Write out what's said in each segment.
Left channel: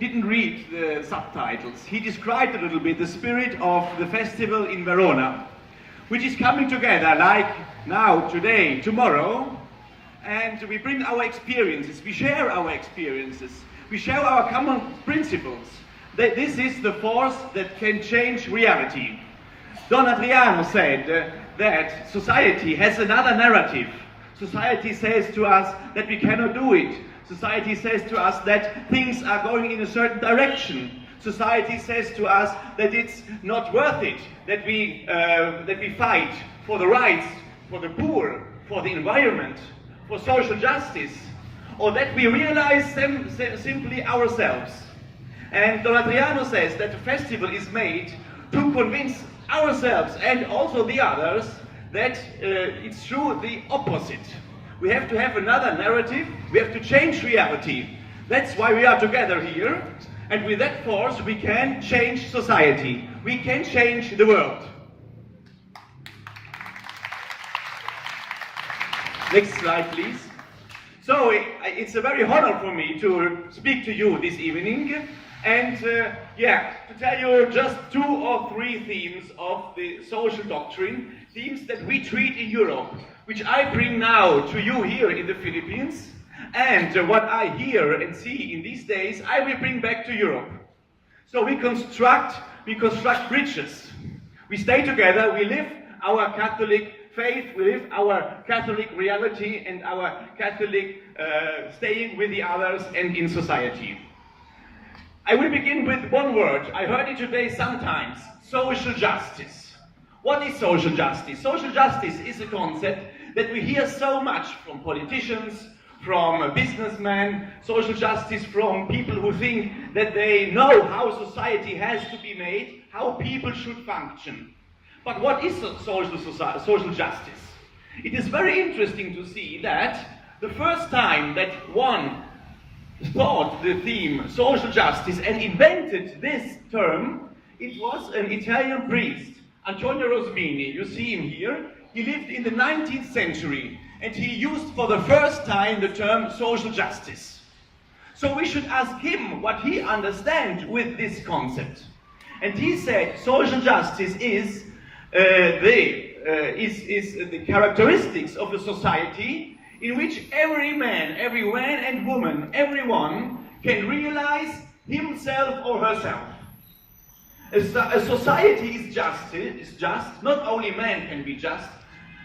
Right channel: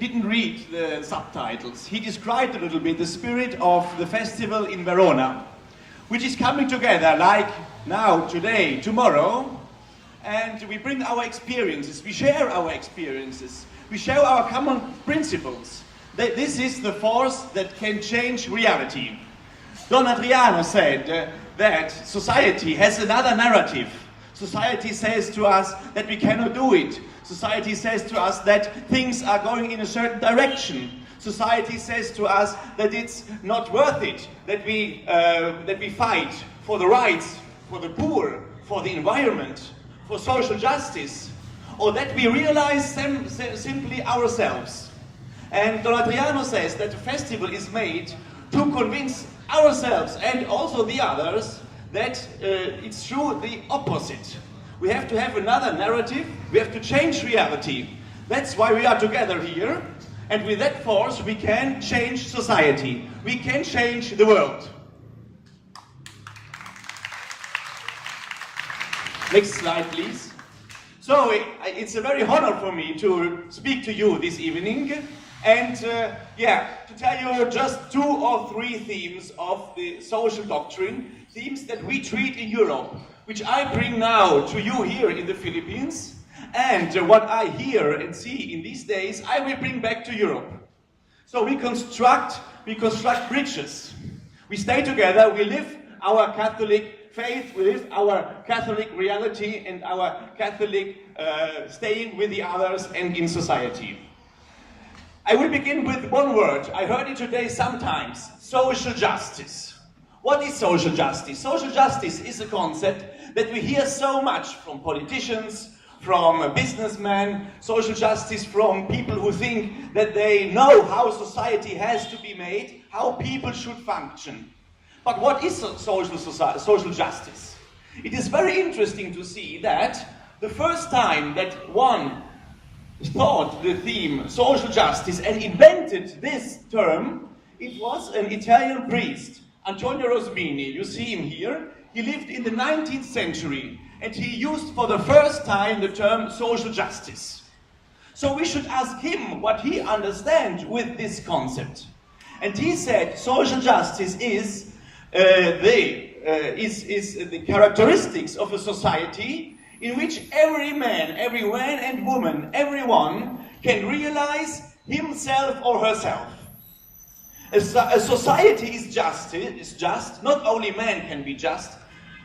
didn't read the subtitles. He described a little bit the spirit of the festival in Verona, which is coming together like now, today, tomorrow, and we bring our experiences, we share our experiences, we share our common principles. This is the force that can change reality. Don Adriano said that society has another narrative. Society says to us that we cannot do it. Society says to us that things are going in a certain direction. Society says to us that it's not worth it, that we fight for the rights, for the poor, for the environment, for social justice, or that we realize them simply ourselves. And Don Adriano says that the festival is made to convince ourselves and also the others that it's true the opposite. We have to have another narrative, we have to change reality. That's why we are together here, and with that force we can change society. We can change the world. Next slide, please. So it's a very honor for me to speak to you this evening and to tell you just 2 or 3 themes of the social doctrine, themes that we treat in Europe, which I bring now to you here in the Philippines, and what I hear and see in these days, I will bring back to Europe. So we construct bridges. We stay together, we live our Catholic faith, we live our Catholic reality and our Catholic staying with the others and in society. I will begin with one word. I heard it today sometimes: social justice. What is social justice? Social justice is a concept that we hear so much from politicians, from businessmen, social justice from people who think that they know how society has to be made, how people should function. But what is social justice? It is very interesting to see that the first time that one thought the theme social justice and invented this term, it was an Italian priest, Antonio Rosmini. You see him here. He lived in the 19th century and he used for the first time the term social justice. So we should ask him what he understands with this concept. And he said social justice is the characteristics of a society in which every man and woman, everyone can realize himself or herself. A society is just, not only man can be just,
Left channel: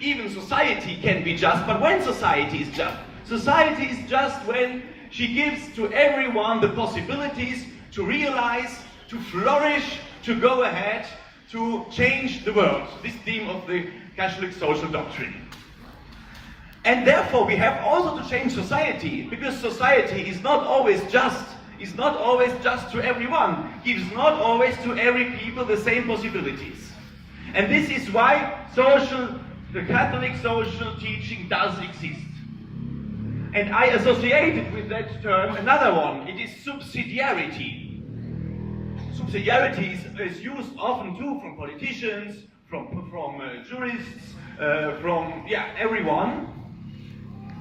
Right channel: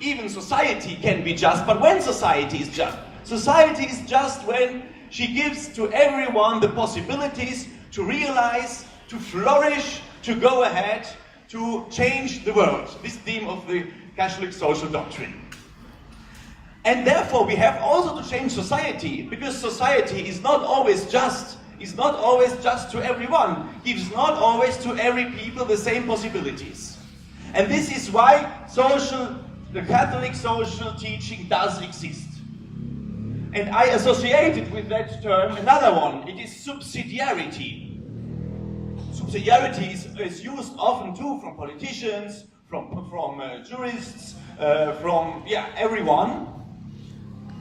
even society can be just, but when society is just? Society is just when she gives to everyone the possibilities to realize, to flourish, to go ahead, to change the world. This theme of the Catholic social doctrine. And therefore we have also to change society, because society is not always just to everyone, gives not always to every people the same possibilities. And this is why the Catholic social teaching does exist. And I associated with that term another one. It is subsidiarity. Subsidiarity is used often too from politicians, from jurists, from everyone,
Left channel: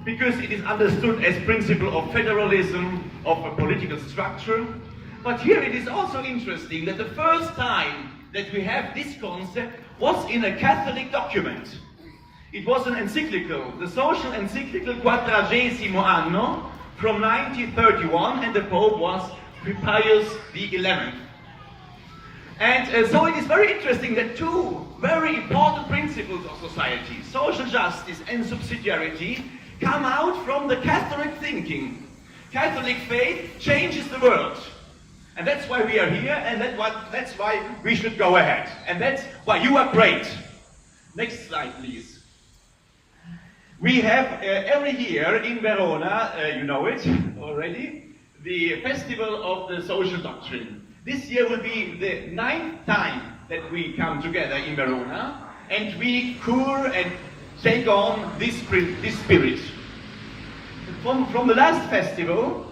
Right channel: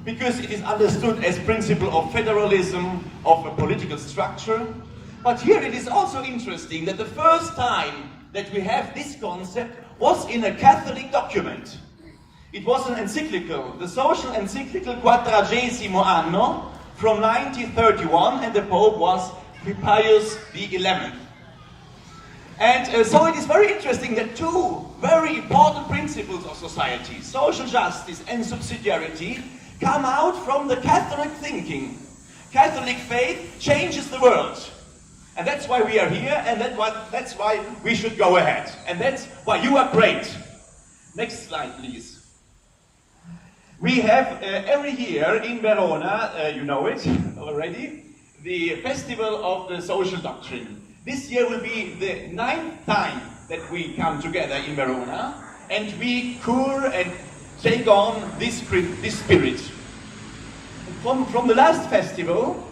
because it is understood as principle of federalism, of a political structure. But here it is also interesting that the first time that we have this concept was in a Catholic document. It was an encyclical, the social encyclical Quadragesimo Anno from 1931, and the Pope was Pius XI. And so it is very interesting that 2 very important principles of society, social justice and subsidiarity, come out from the Catholic thinking. Catholic faith changes the world. And that's why we are here, and that's why we should go ahead. And that's why you are great. Next slide, please. We have every year in Verona, you know it already, the Festival of the Social Doctrine. This year will be the 9th time that we come together in Verona, and we cure and take on this spirit. From the last festival,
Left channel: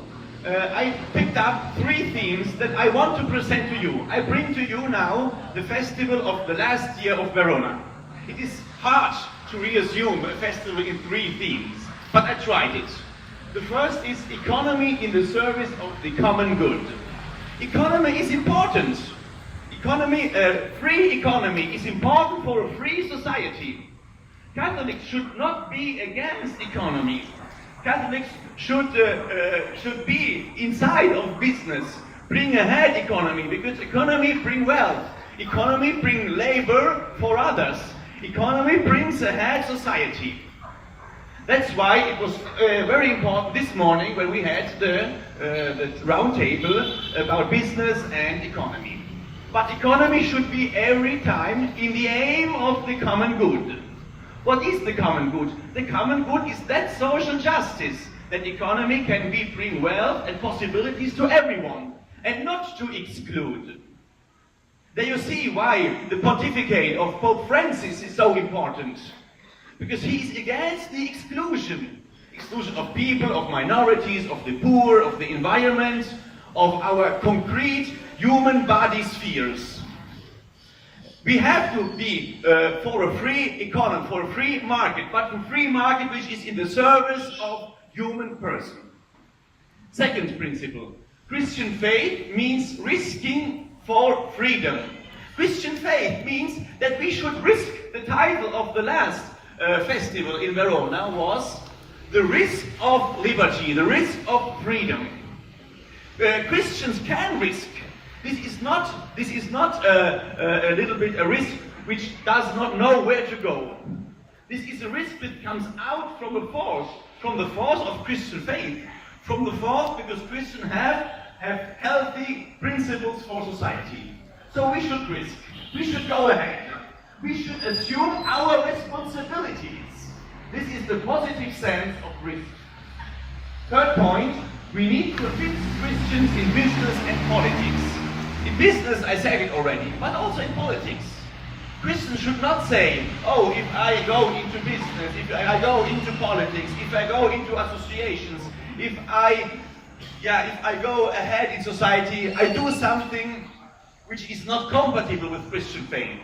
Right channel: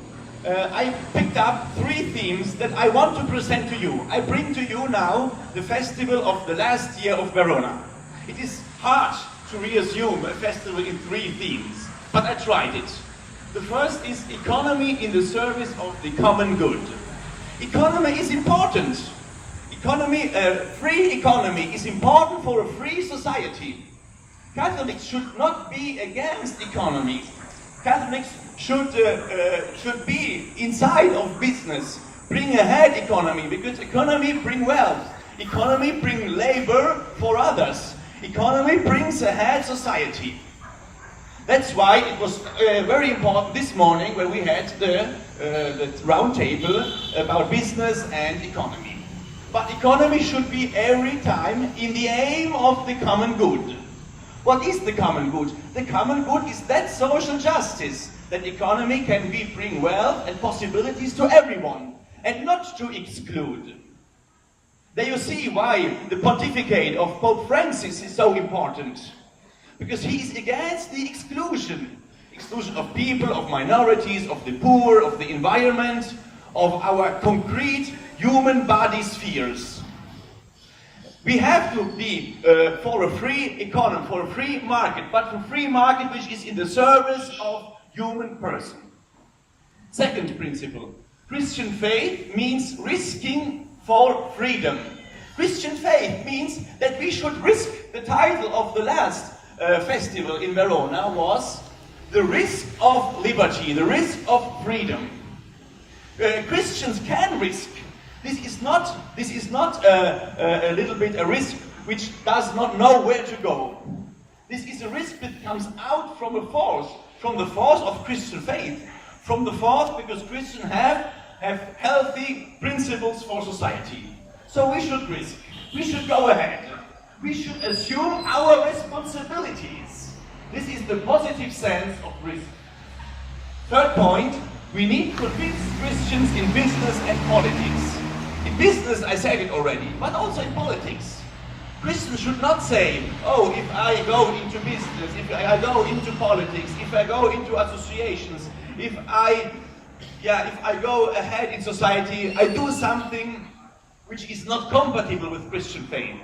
I picked up 3 themes that I want to present to you. I bring to you now the festival of the last year of Verona. It is hard to reassume a festival in 3 themes, but I tried it. The first is economy in the service of the common good. Economy is important. Free economy is important for a free society. Catholics should not be against economy. Catholics should be inside of business, bring ahead economy, because economy bring wealth. Economy bring labor for others. Economy brings ahead society. That's why it was very important this morning when we had the round table about business and economy. But economy should be every time in the aim of the common good. What is the common good? The common good is that social justice, that economy can bring wealth and possibilities to everyone, and not to exclude. There you see why the pontificate of Pope Francis is so important. Because he is against the exclusion of people, of minorities, of the poor, of the environment, of our concrete human body spheres. We have to be for a free economy, for a free market, but a free market which is in the service of human person. Second principle, Christian faith means risking for freedom. Christian faith means that we should risk. The title of the last festival in Verona was the risk of liberty, the risk of freedom. Christians can risk. This is not a little bit a risk which does not know where to go. This is a risk that comes out from the force of Christian faith, from the force because Christians have healthy principles for society. So we should risk. We should go ahead. We should assume our responsibilities. This is the positive sense of risk. Third point, we need to fix Christians in business and politics. In business, I said it already, but also in politics. Christians should not say, oh, if I go into business, if I go into politics, if I go into associations, if I go ahead in society, I do something which is not compatible with Christian faith,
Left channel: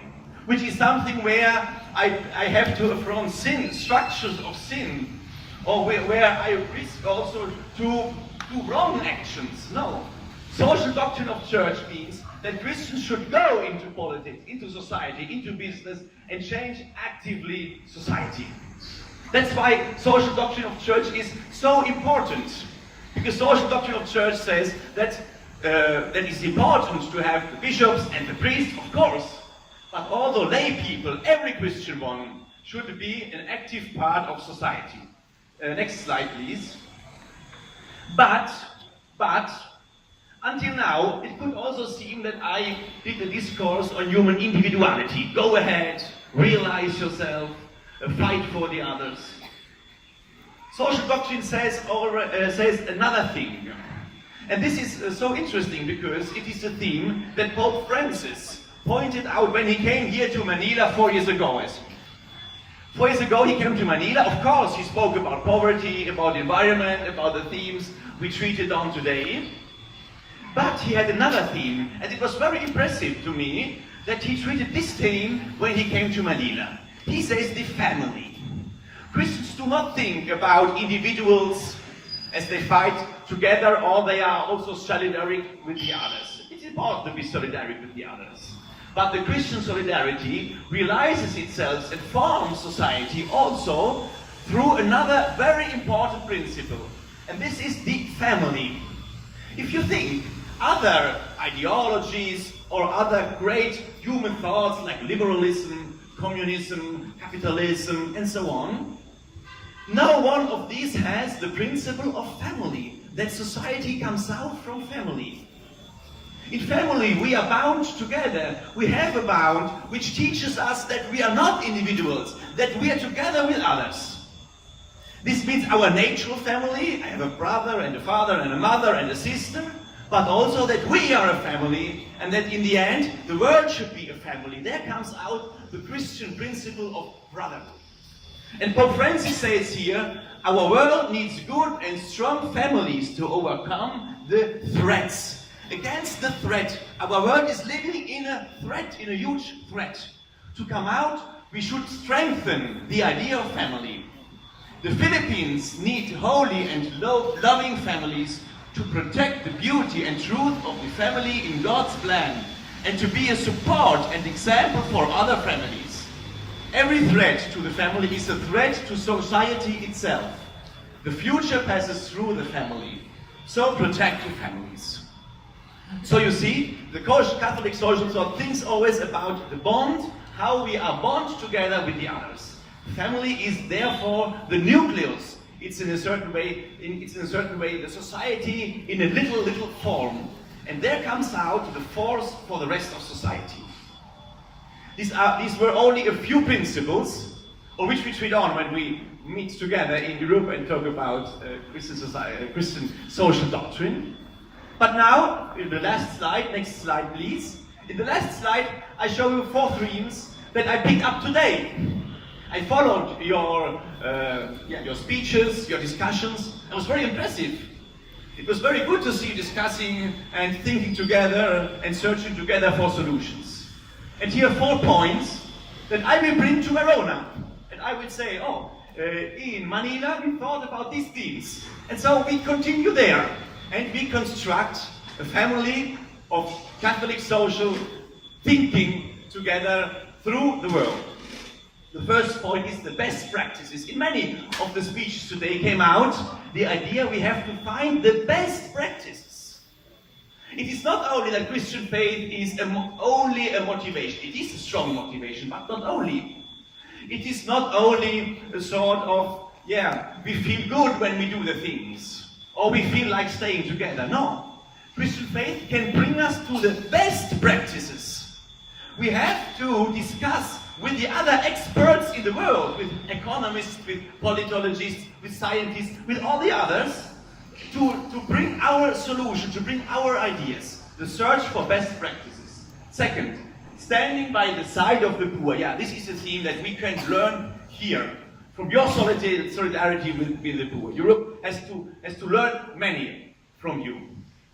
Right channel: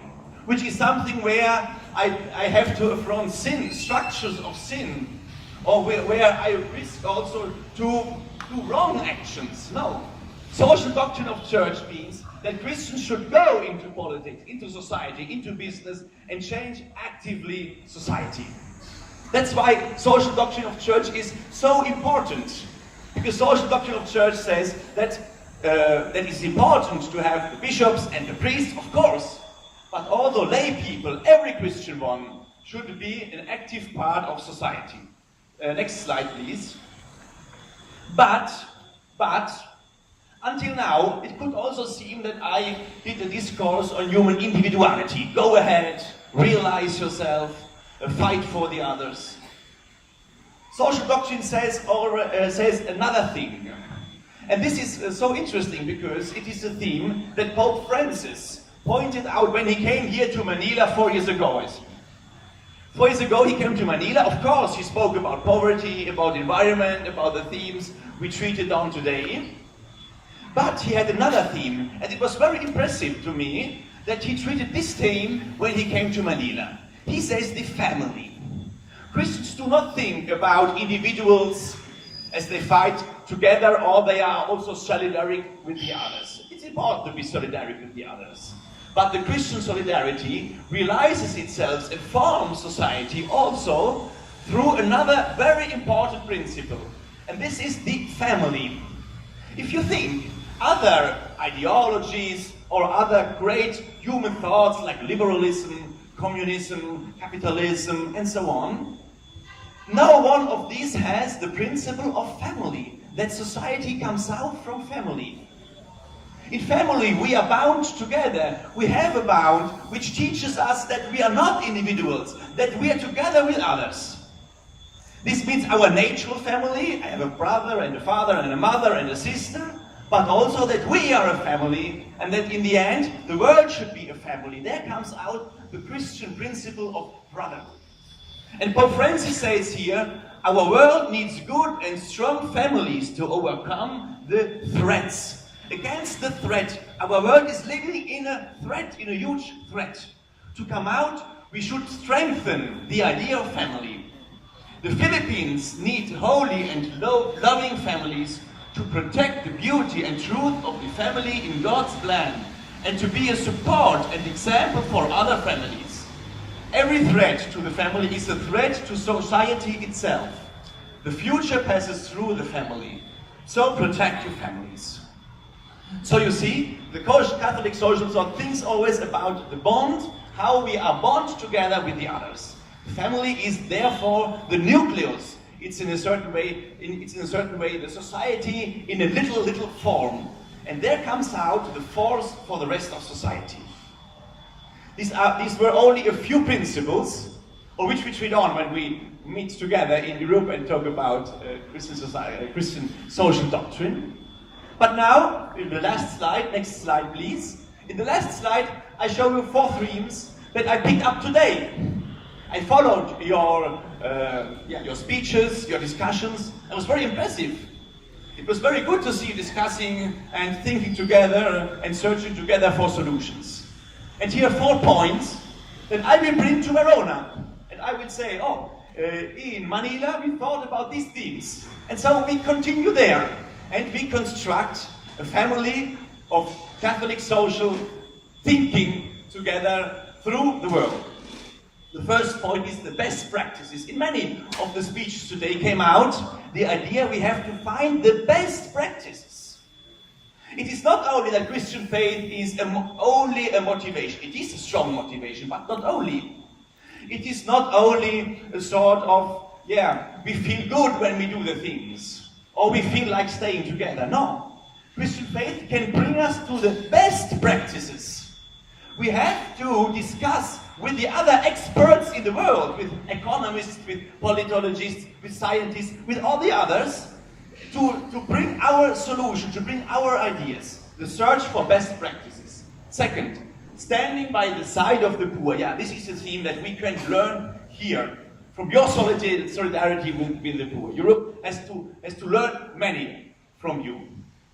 which is something where I have to affront sin, structures of sin, or where I risk also to do wrong actions. No. Social doctrine of church means that Christians should go into politics, into society, into business, and change actively society. That's why social doctrine of church is so important. Because social doctrine of church says that it is important to have the bishops and the priests, of course, but all the lay people, every Christian one, should be an active part of society. Next slide, please. But, until now, it could also seem that I did a discourse on human individuality. Go ahead, realize yourself, fight for the others. Social doctrine says another thing. And this is so interesting because it is a theme that Pope Francis pointed out when he came here to Manila 4 years ago. 4 years ago he came to Manila. Of course, he spoke about poverty, about environment, about the themes we treated on today. But he had another theme, and it was very impressive to me that he treated this theme when he came to Manila. He says the family. Christians do not think about individuals as they fight together, or they are also solidaric with the others. It's important to be solidaric with the others. But the Christian solidarity realizes itself and forms society also through another very important principle. And this is the family. If you think other ideologies or other great human thoughts like liberalism, communism, capitalism, and so on, no one of these has the principle of family, that society comes out from family. In family, we are bound together. We have a bond which teaches us that we are not individuals, that we are together with others. This means our natural family. I have a brother and a father and a mother and a sister, but also that we are a family, and that in the end, the world should be a family. There comes out the Christian principle of brotherhood. And Pope Francis says here, our world needs good and strong families to overcome the threats. Against the threat, our world is living in a threat, in a huge threat. To come out, we should strengthen the idea of family. The Philippines need holy and loving families to protect the beauty and truth of the family in God's plan, and to be a support and example for other families. Every threat to the family is a threat to society itself. The future passes through the family, so protect your families. So you see, the Catholic social thought thinks always about the bond, how we are bond together with the others. Family is therefore the nucleus. It's in a certain way, the society in a little form. And there comes out the force for the rest of society. These were only a few principles on which we treat on when we meet together in Europe and talk about Christian social doctrine. But now, in the last slide, next slide please. In the last slide, I show you 4 themes that I picked up today. I followed your speeches, your discussions. It was very impressive. It was very good to see you discussing and thinking together and searching together for solutions. And here are 4 points that I will bring to Verona. And I will say, in Manila we thought about these themes. And so we continue there. And we construct a family of Catholic social thinking together through the world. The first point is the best practices. In many of the speeches today came out the idea we have to find the best practices. It is not only that Christian faith is only a motivation. It is a strong motivation, but not only. It is not only a sort of, we feel good when we do the things, or we feel like staying together. No. Christian faith can bring us to the best practices. We have to discuss with the other experts in the world, with economists, with politologists, with scientists, with all the others, to bring our solution, to bring our ideas. The search for best practices. Second, standing by the side of the poor. This is a theme that we can learn here. From your solidarity with the poor. Europe has to learn many from you.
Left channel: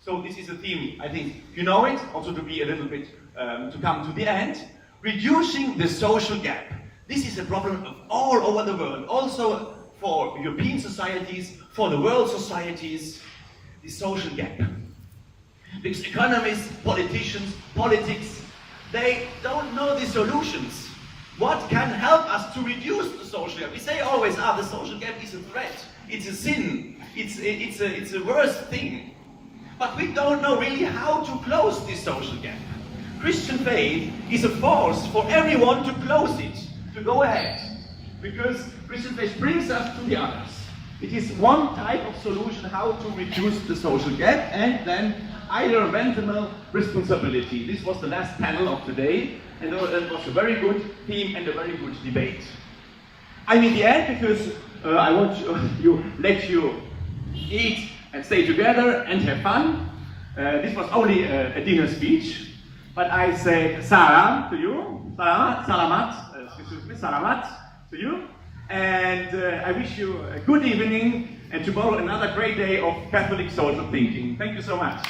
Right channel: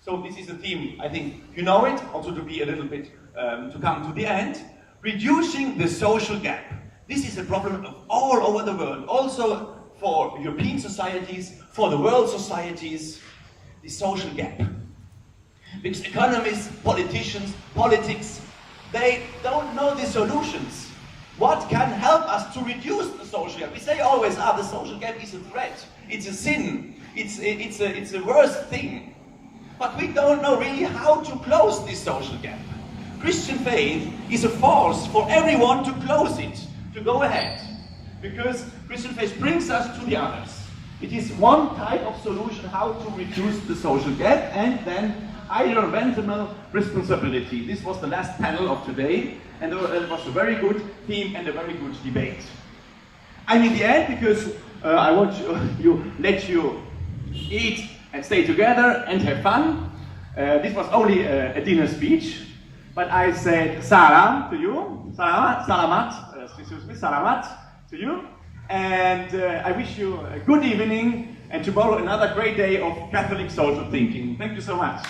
So this is a theme, I think you know it, also to be a little bit, to come to the end. Reducing the social gap. This is a problem of all over the world, also for European societies, for the world societies, the social gap. Because economists, politicians, politics, they don't know the solutions. What can help us to reduce the social gap? We say always, the social gap is a threat, it's a sin, it's a worse thing. But we don't know really how to close this social gap. Christian faith is a force for everyone to close it, to go ahead. Because Christian faith brings us to the others. It is one type of solution how to reduce the social gap, and then environmental responsibility. This was the last panel of today, and it was a very good theme and a very good debate. I'm in the end because I want to let you eat and stay together and have fun. This was only a dinner speech, but I said salam to you, salamat to you, and I wish you a good evening, and tomorrow another great day of Catholic social thinking. Thank you so much.